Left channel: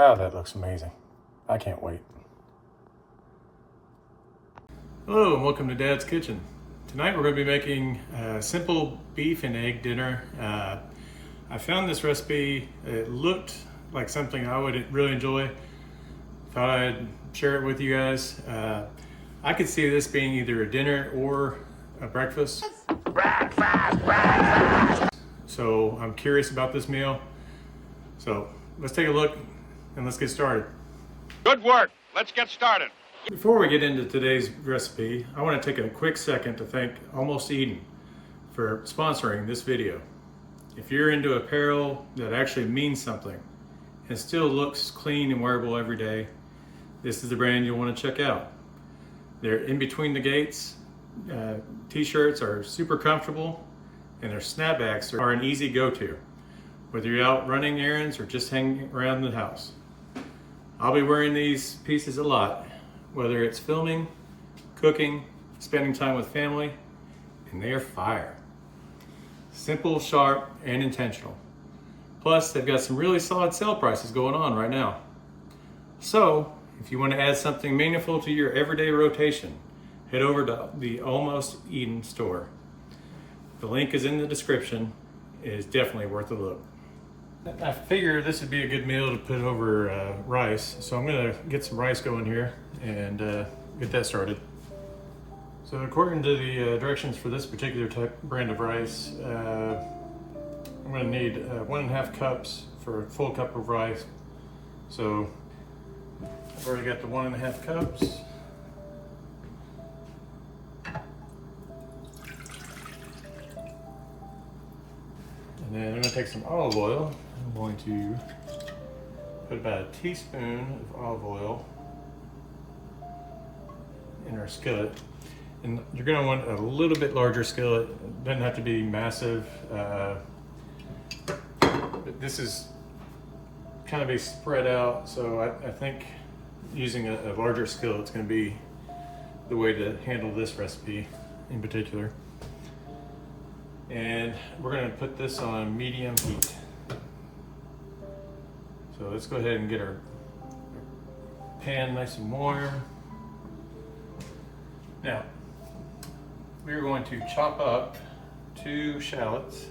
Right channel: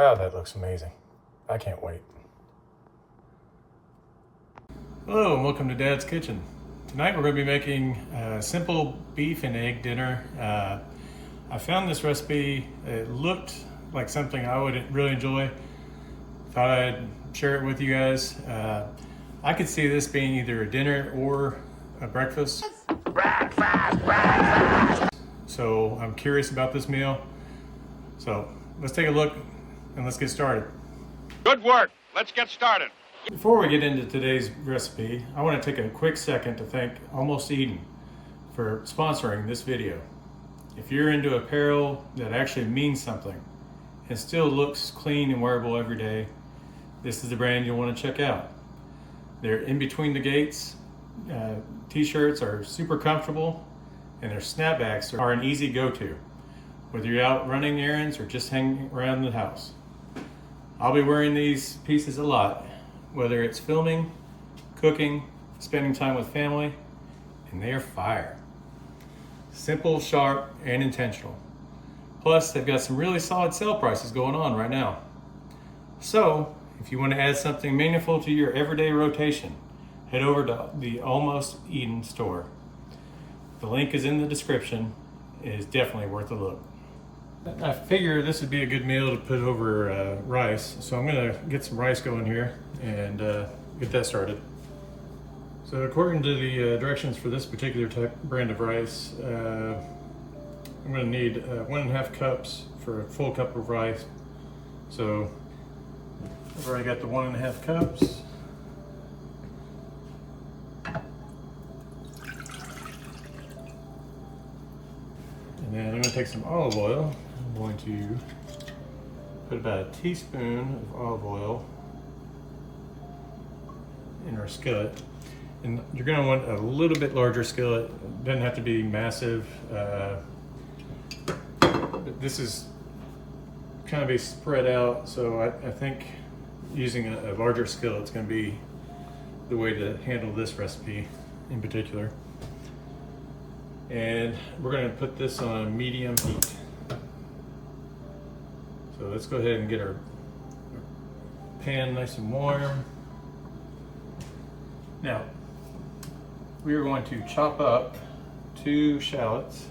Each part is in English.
Wow, that looks amazing. I can't wait. Hello and welcome to Dad's Kitchen. Tonight we're going to be making a simple beef and egg dinner. I found this recipe. It looked like something I would really enjoy. Thought I'd share it with you guys. I could see this being either a dinner or a breakfast. So I'm curious about this meal. So let's take a look and let's get started. Good work. Let's get started. Before we get into today's recipe, I want to take a quick second to thank Almost Eden for sponsoring this video. If you're into apparel that actually means something and still looks clean and wearable every day, this is the brand you'll want to check out. They're in between the gates. T-shirts are super comfortable and their snapbacks are an easy go-to, whether you're out running errands or just hanging around the house. I'll be wearing these pieces a lot, whether it's filming, cooking, spending time with family, and they are fire. Simple, sharp, and intentional. Plus, they've got some really solid sale prices going on right now. So, if you want to add something meaningful to your everyday rotation, head over to the Almost Eden store. The link is in the description. It is definitely worth a look. I figure this would be a good meal to put over rice, so I'm gonna get some rice going here and get that started. So according to the directions for this particular brand of rice, I'm gonna need 1.5 cups for a full cup of rice. So I've already got the 1.5 cups. And then I'm going to take some olive oil. I'm going to put about a teaspoon of olive oil in our skillet. And you're going to want a little bit larger skillet. It doesn't have to be massive. But this is kind of be spread out, so I think using a larger skillet is going to be the way to handle this recipe in particular. And we're going to put this on medium heat. So let's go ahead and get our pan nice and warm. Now, we are going to chop up 2 shallots.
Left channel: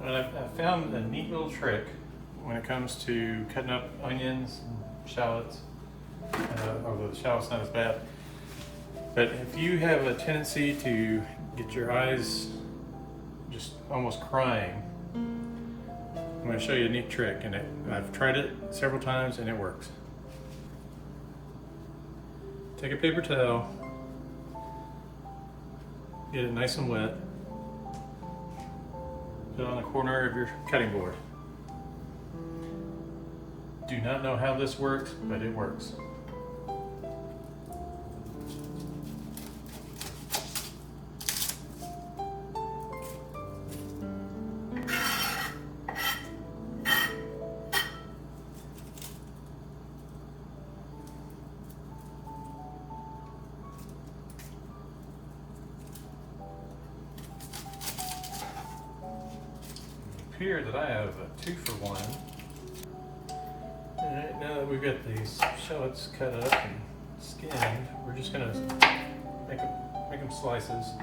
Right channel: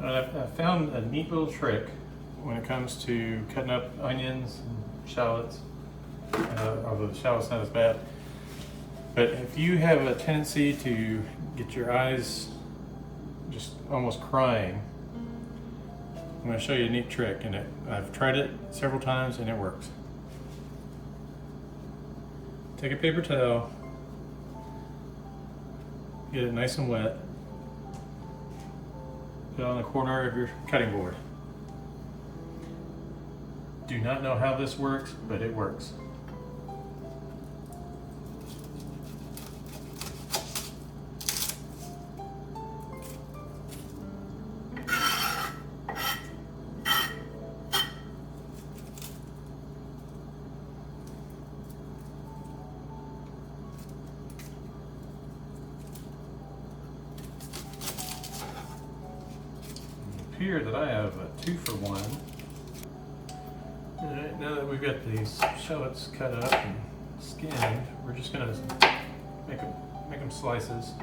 I found a neat little trick when it comes to cutting up onions and shallots, although the shallot's not as bad. But if you have a tendency to get your eyes just almost crying, I'm going to show you a neat trick, and I've tried it several times and it works. Take a paper towel, get it nice and wet, put it on the corner of your cutting board. Do not know how this works, but it works. Here that I have a 2-for-1. Alright, now that we've got these shallots cut up and skinned, we're just gonna make them slices.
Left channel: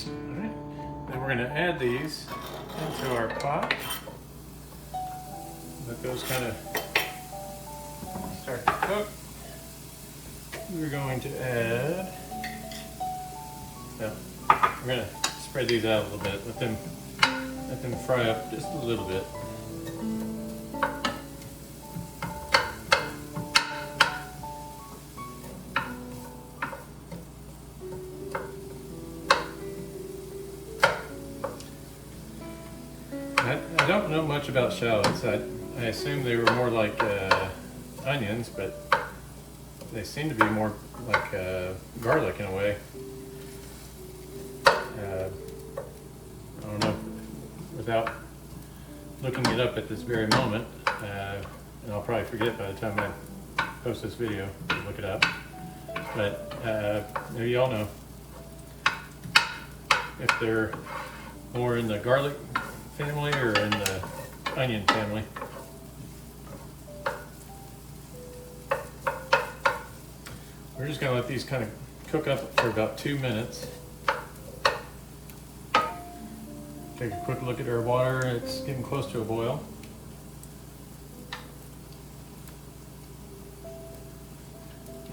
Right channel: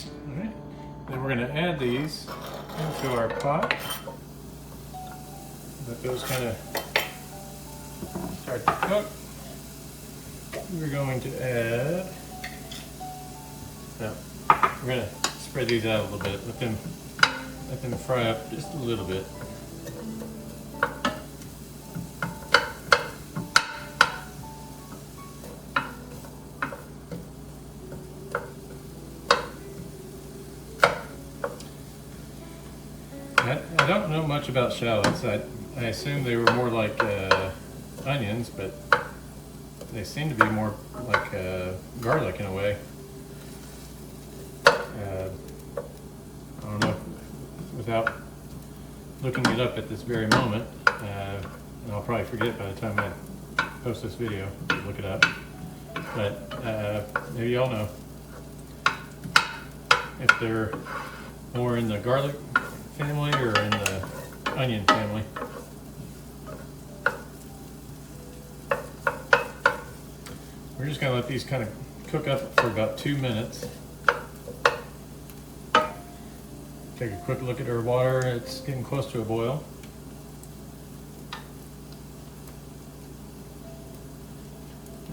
Alright, then we're gonna add these into our pot. Let those kind of start to cook. We're going to add, we're gonna spread these out a little bit, let them fry up just a little bit. I don't know much about shallots. I assume they were more like onions, but they seem to be more like garlic in a way. I don't know, without looking it up at this very moment, and I'll probably forget by the time I post this video to look it up. But maybe y'all know if they're more in the garlic family or in the onion family. We're just gonna let these kind of cook up for about 2 minutes. Take a quick look at our water. It's getting close to a boil.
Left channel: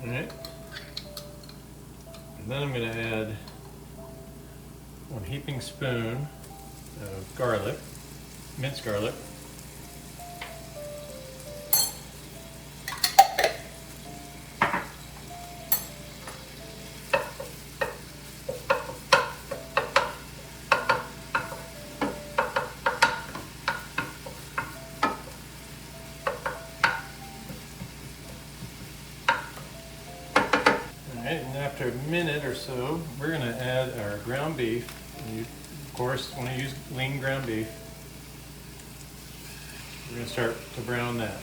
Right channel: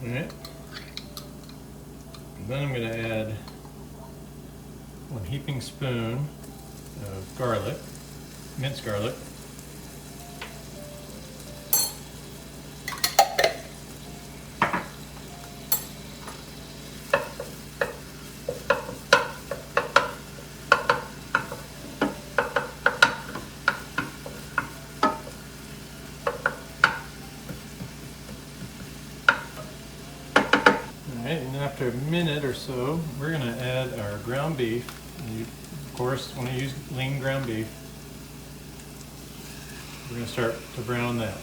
All right. And then I'm going to add 1 heaping spoon of garlic, minced garlic. And after a minute or so, we're going to add our ground beef. And you, of course, want to use lean ground beef. We're going to start to brown that.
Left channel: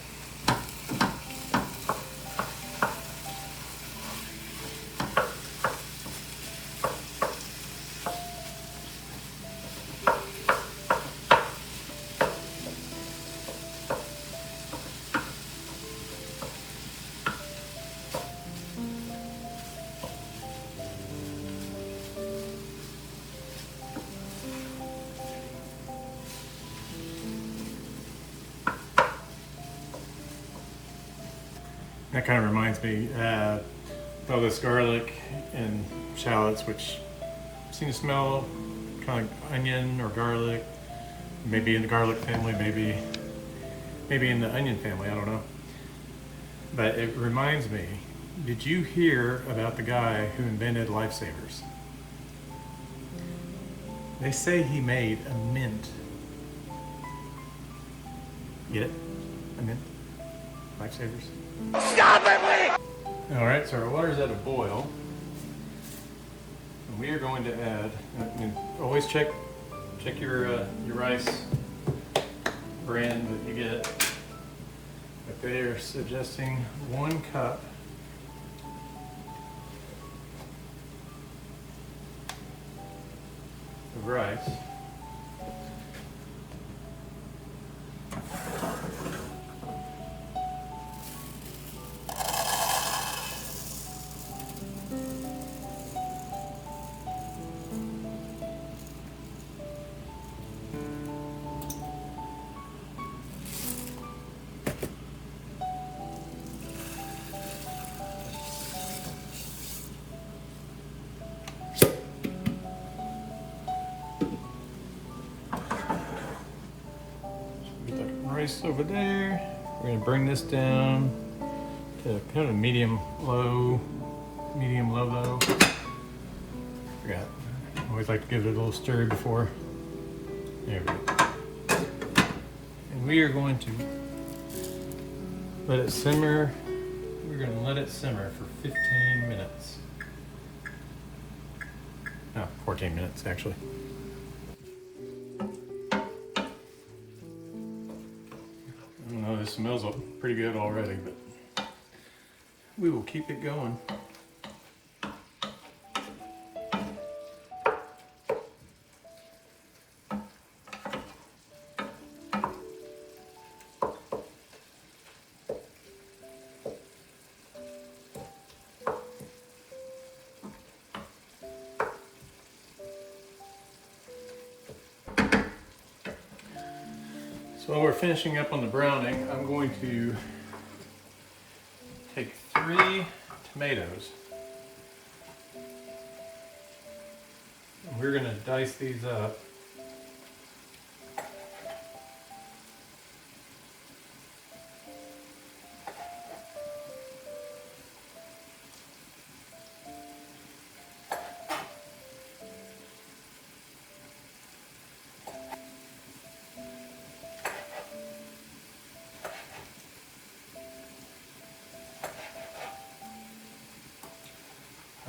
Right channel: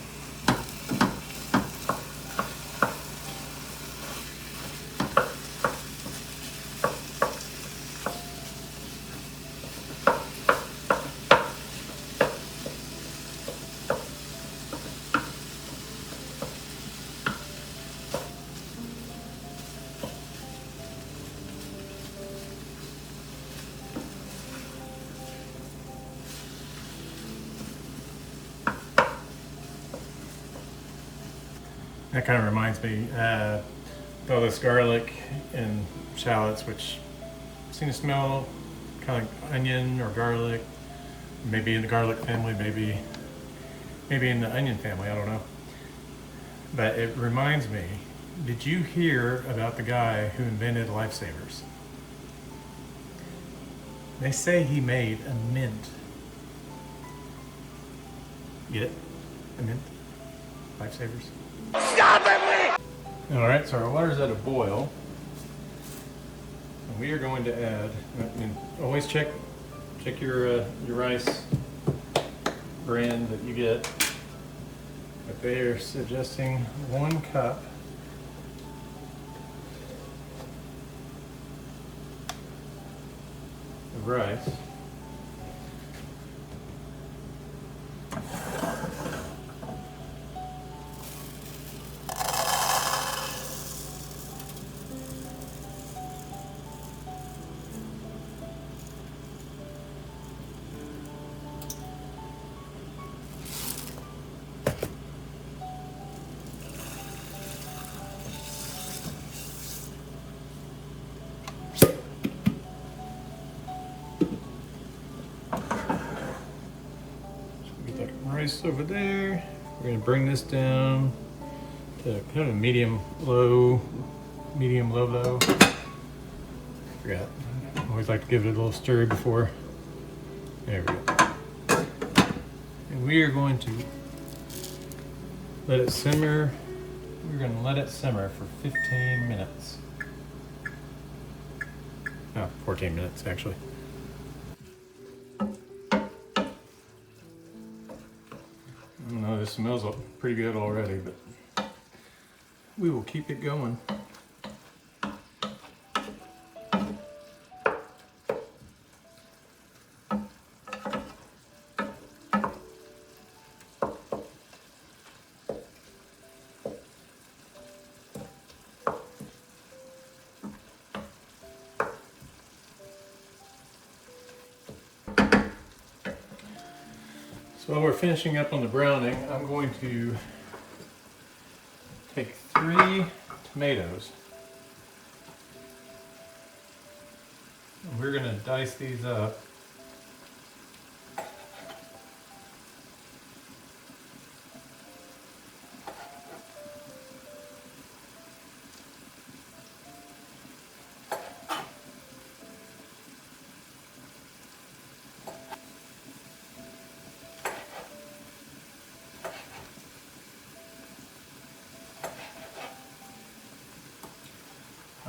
That kind of reminds me of all this garlic and shallots, which seem to smell kind of like onion or garlic. Maybe in the garlic family, maybe in the onion family, I don't know. But it reminds me, did you hear about the guy who invented lifesavers? They say he made a mint. Get it? A mint? Lifesavers? Stop it, please! All right, so our water's at a boil. And we are going to add, and always check your rice brand that you get. But they are suggesting 1 cup of rice. Rice over there. We're going to bring this down to kind of a medium low. Forgot. I always like to give it a little stir before. There we go. And we are going to let it simmer. We're going to let it simmer for 15 minutes. No, 14 minutes actually. It smells pretty good already, but we will keep it going. So while we're finishing up on the browning, I'm going to take 3 tomatoes. And we're going to dice these up.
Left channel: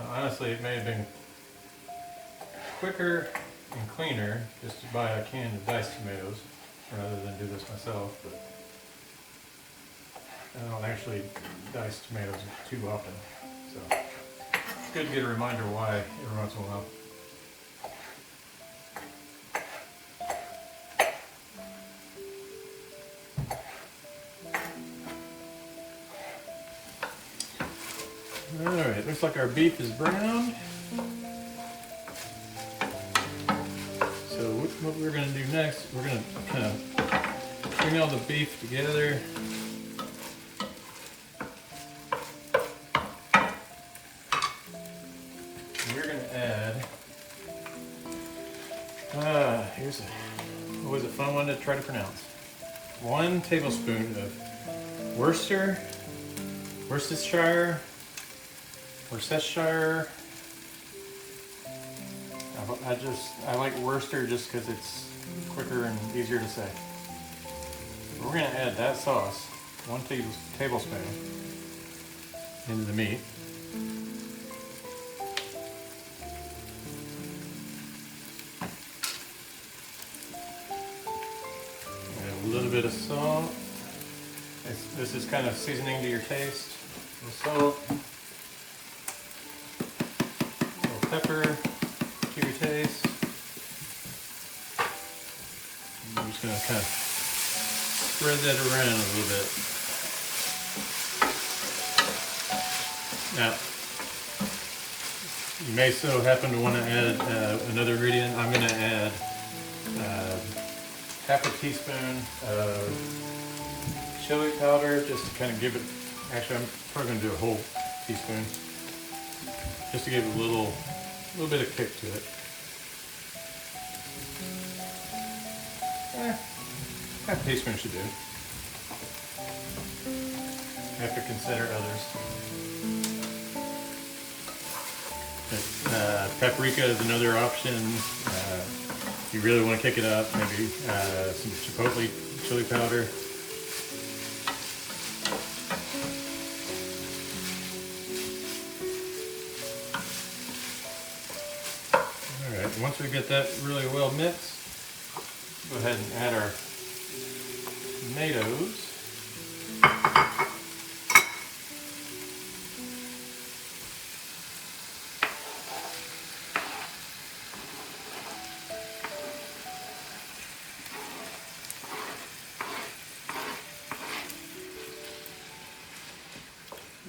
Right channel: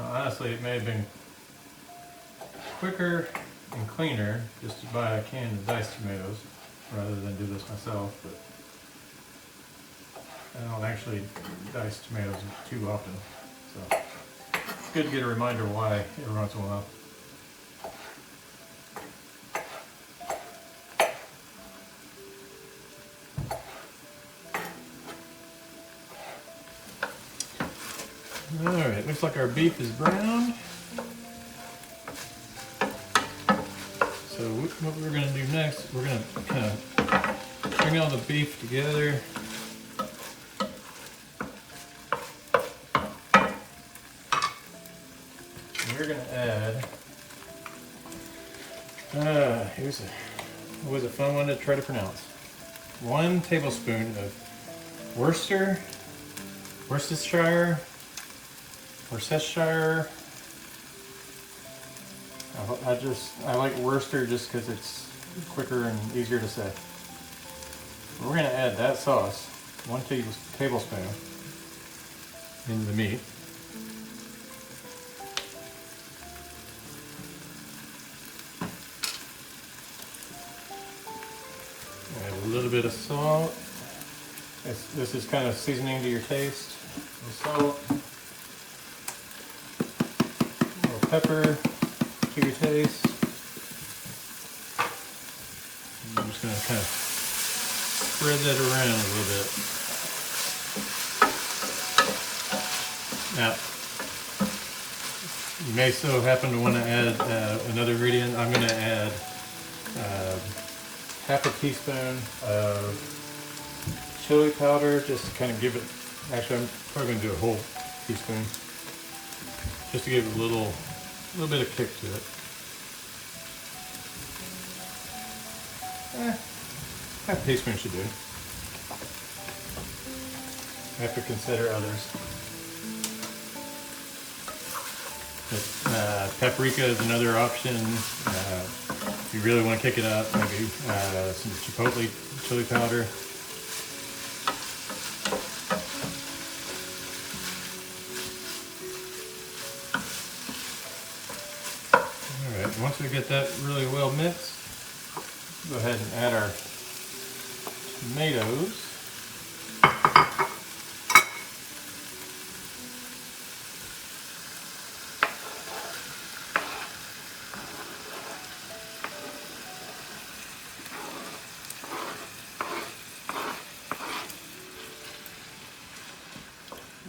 Honestly, it may have been quicker and cleaner just to buy a can of diced tomatoes. rather than do this myself, but I don't actually dice tomatoes too often, so it's good to get a reminder why every once in a while. Alright, looks like our beef is browned. So what we're going to do next, we're going to kind of bring all the beef together. And we're going to add, here's always a fun one to try to pronounce. 1 tablespoon of Worcestershire. I like Worcester just because it's quicker and easier to say. We're going to add that sauce, 1 tablespoon, into the meat. Add a little bit of salt. This is kind of seasoning to your taste. A little salt. A little pepper to your taste. And I'm just going to kind of spread that around a little bit. Now, you may so happen to want to add another ingredient. I'm going to add half a teaspoon of chili powder, just to kind of give it, actually I'm probably going to do a whole teaspoon, just to give it a little bit of kick to it. Half a teaspoon should do. You have to consider others. Paprika is another option. If you really want to kick it up, maybe some chipotle chili powder. Alright, once we get that really well mixed, go ahead and add our tomatoes.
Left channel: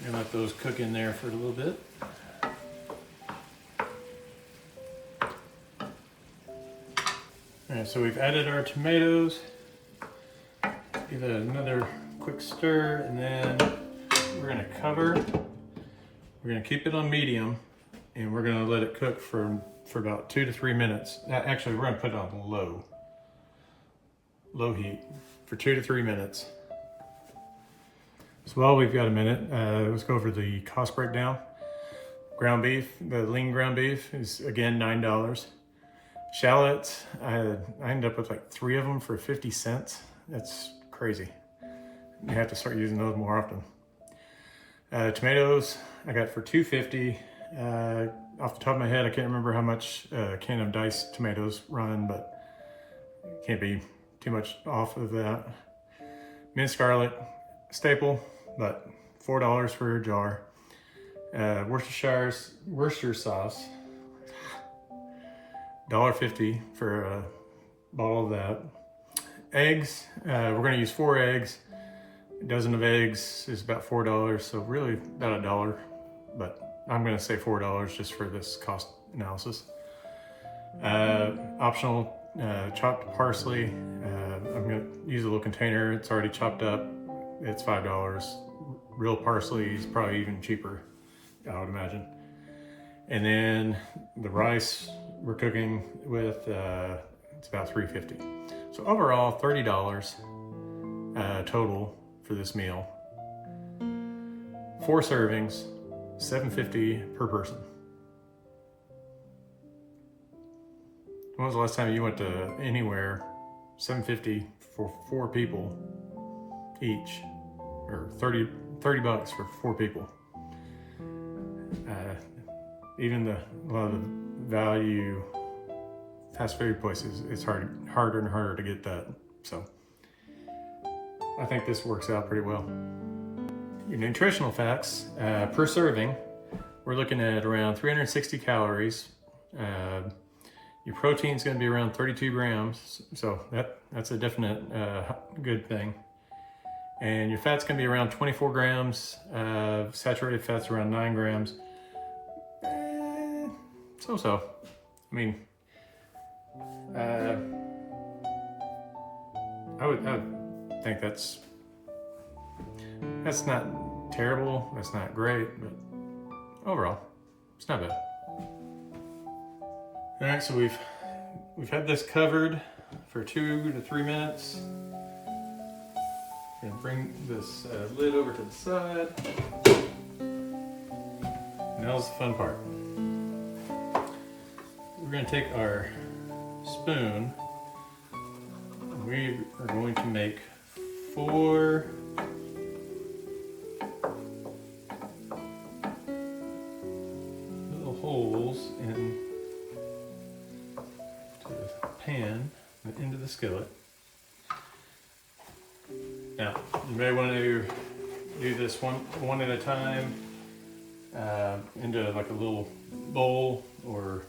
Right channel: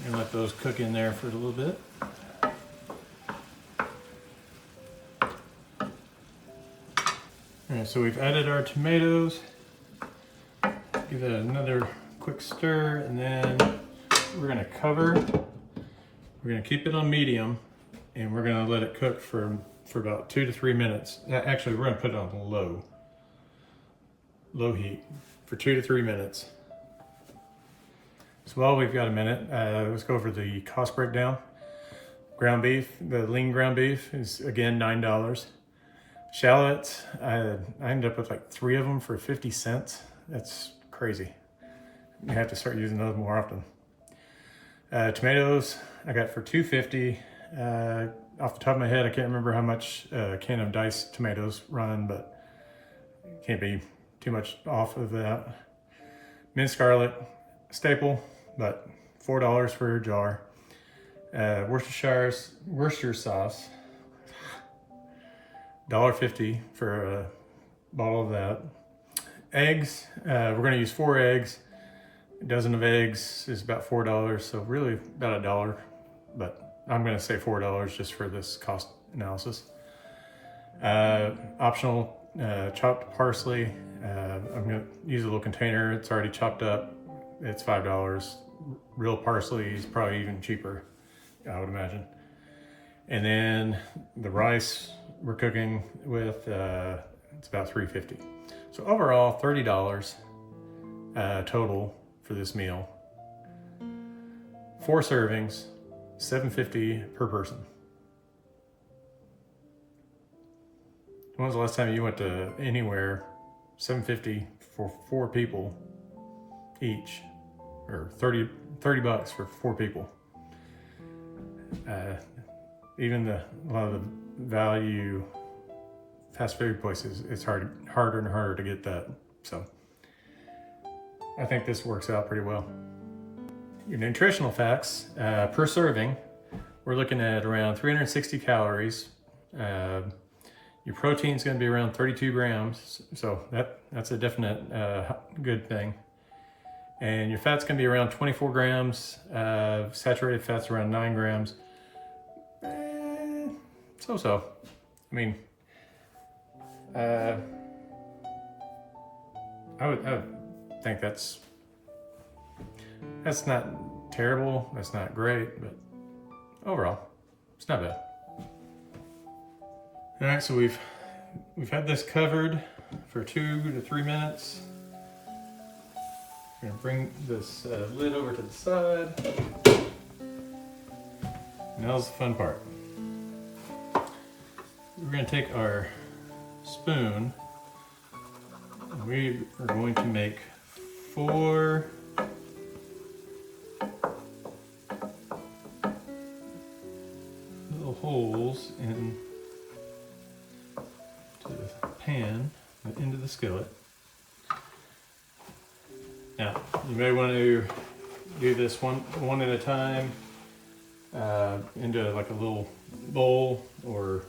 And let those cook in there for a little bit. Alright, so we've added our tomatoes. Give that another quick stir, and then we're going to cover. We're going to keep it on medium, and we're going to let it cook for about 2 to 3 minutes. Actually, we're going to put it on low heat for 2 to 3 minutes. So while we've got a minute, let's go over the cost breakdown. Ground beef, the lean ground beef is again $9. Shallots, I ended up with like 3 of them for 50 cents. That's crazy. You have to start using those more often. Tomatoes, I got for $2.50. Off the top of my head, I can't remember how much a can of diced tomatoes run, but can't be too much off of that. Minced garlic, staple, but $4 for a jar. Worcestershire sauce, $1.50 for a bottle of that. Eggs, we're going to use 4 eggs. A dozen of eggs is about $4, so really about $1, but I'm going to say $4 just for this cost analysis. Optional chopped parsley. I'm going to use a little container. It's already chopped up. It's $5. Real parsley is probably even cheaper, I would imagine. And then the rice we're cooking with, it's about $3.50. So overall, $30 total for this meal. 4 servings, $7.50 per person. When was the last time you went to anywhere? $7.50 for 4 people each, or 30 bucks for 4 people. Even a lot of the value fast food places, it's harder and harder to get that So I think this works out pretty well. Your nutritional facts, per serving, we're looking at around 360 calories. Your protein is going to be around 32 grams, so that's a definite good thing. And your fat's going to be around 24 grams, saturated fat's around 9 grams. So. I mean, I would think that's not terrible, that's not great, but overall, it's not bad. All right, so we've had this covered for 2 to 3 minutes. We're gonna bring this lid over to the side. Now's the fun part. We're gonna take our spoon and we are going to make 4 little holes into the pan, into the skillet. Now, you may want to do this one at a time into like a little bowl, or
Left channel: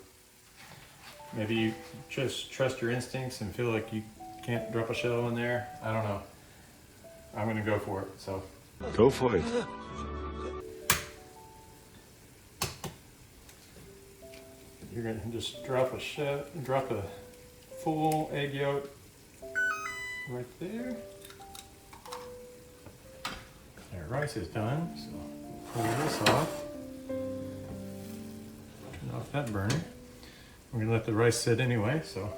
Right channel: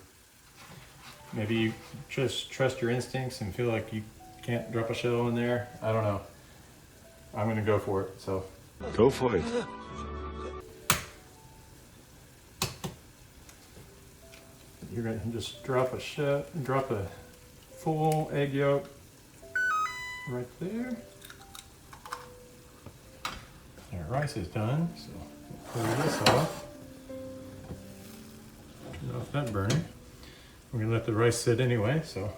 maybe you just trust your instincts and feel like you can't drop a shell in there. I don't know. I'm gonna go for it, so. Go for it. You're gonna just drop a full egg yolk right there. Our rice is done, so we'll pull this off. Turn off that burner. We're gonna let the rice sit anyway, so.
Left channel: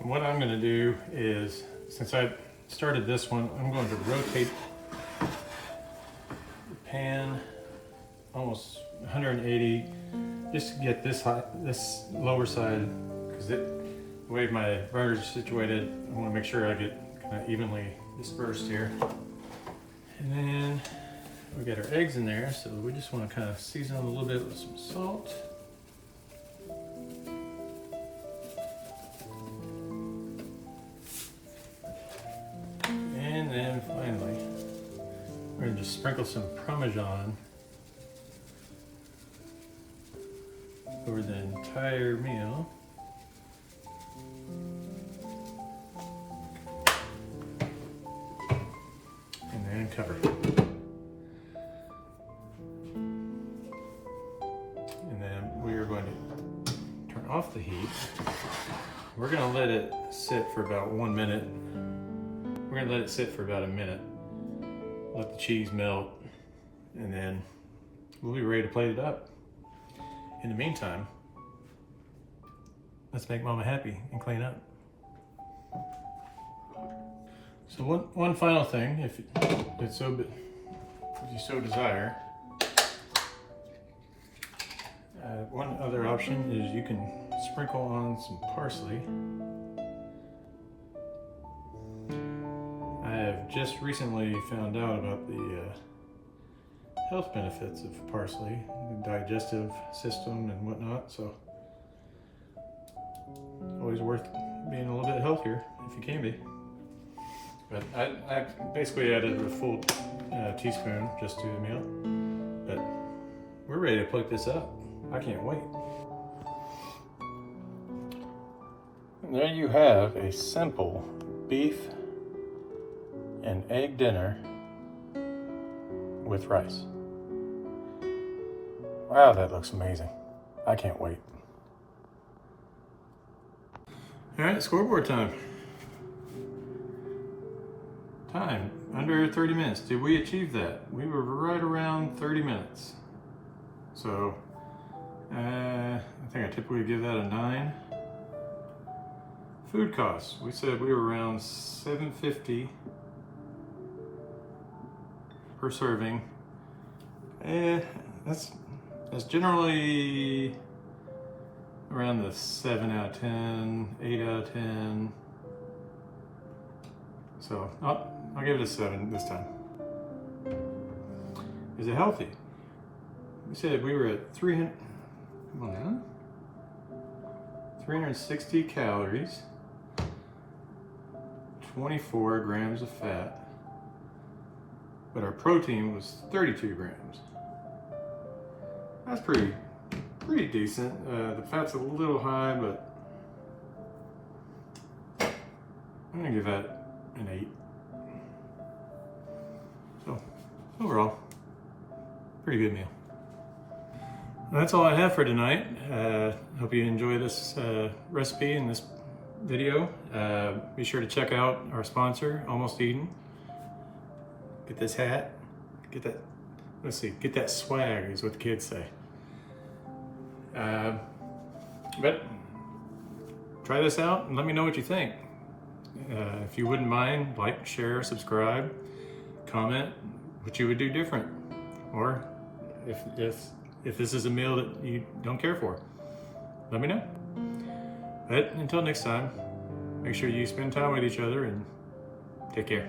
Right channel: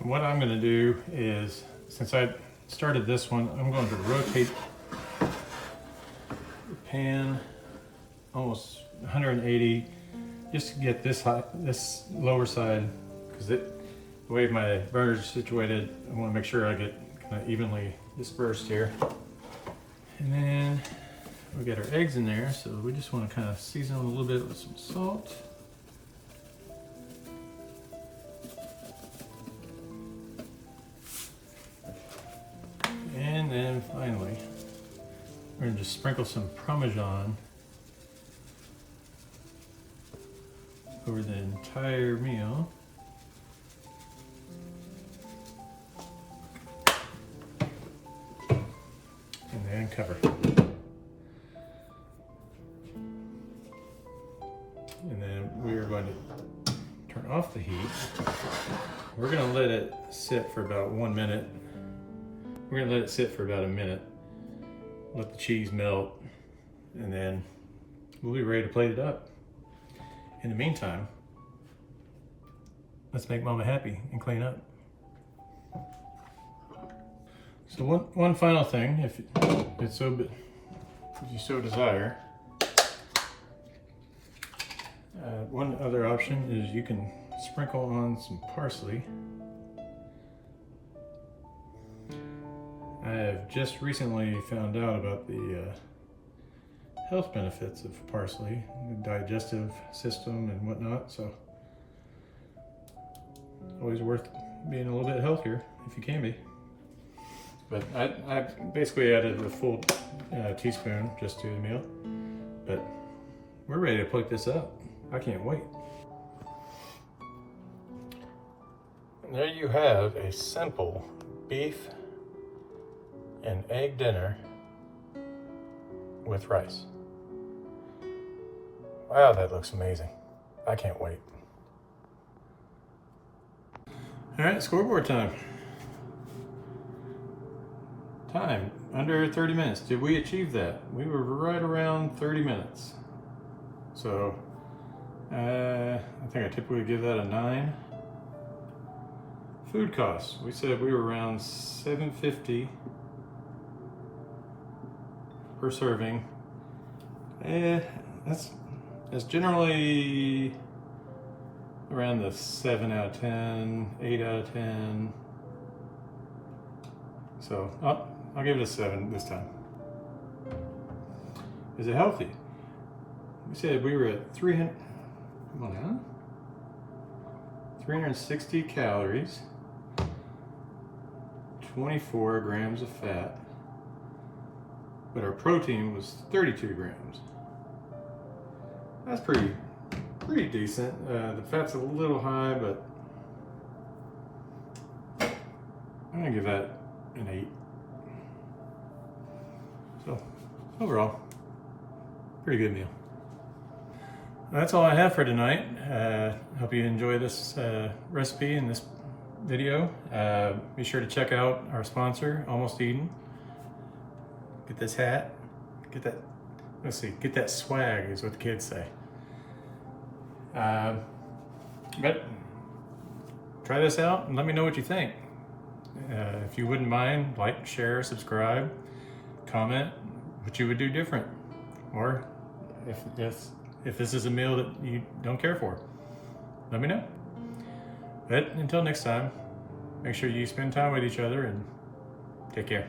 What I'm going to do is, since I started this one, I'm going to rotate the pan almost 180 just to get this lower side, because the way my burner is situated, I want to make sure I get kind of evenly dispersed here. And then we got our eggs in there, so we just want to kind of season them a little bit with some salt. And then finally, we're going to just sprinkle some Parmesan over the entire meal. And then cover. And then we are going to turn off the heat. We're going to let it sit for about 1 minute. We're going to let it sit for about a minute. Let the cheese melt, and then we'll be ready to plate it up. In the meantime, let's make Mama happy and clean up. So one final thing, if you so desire, one other option is you can sprinkle on some parsley. I have just recently found out about the health benefits of parsley, the digestive system and whatnot, so always worth being a little bit healthier if you can be. But I basically added a full teaspoon just to the meal, but we're ready to plate this up. I can't wait. And there you have a simple beef and egg dinner with rice. Wow, that looks amazing. I can't wait. All right, scoreboard time. Time, under 30 minutes. Did we achieve that? We were right around 30 minutes. So, I think I typically give that a 9. Food costs, we said we were around $7.50 per serving. That's generally around the 7 out of 10, 8 out of 10. So I'll give it a 7 this time. Is it healthy? We said we were at 300, come on now, 360 calories, 24 grams of fat, but our protein was 32 grams. That's pretty decent. The fat's a little high, but I'm gonna give that an 8. So overall, pretty good meal. That's all I have for tonight. Hope you enjoy this recipe and this video. Be sure to check out our sponsor, Almost Eden. Get this hat, get that, let's see, get that swag is what the kids say. But try this out and let me know what you think. If you wouldn't mind, like, share, subscribe, comment what you would do different, or if this is a meal that you don't care for, let me know. But until next time, make sure you spend time with each other and take care.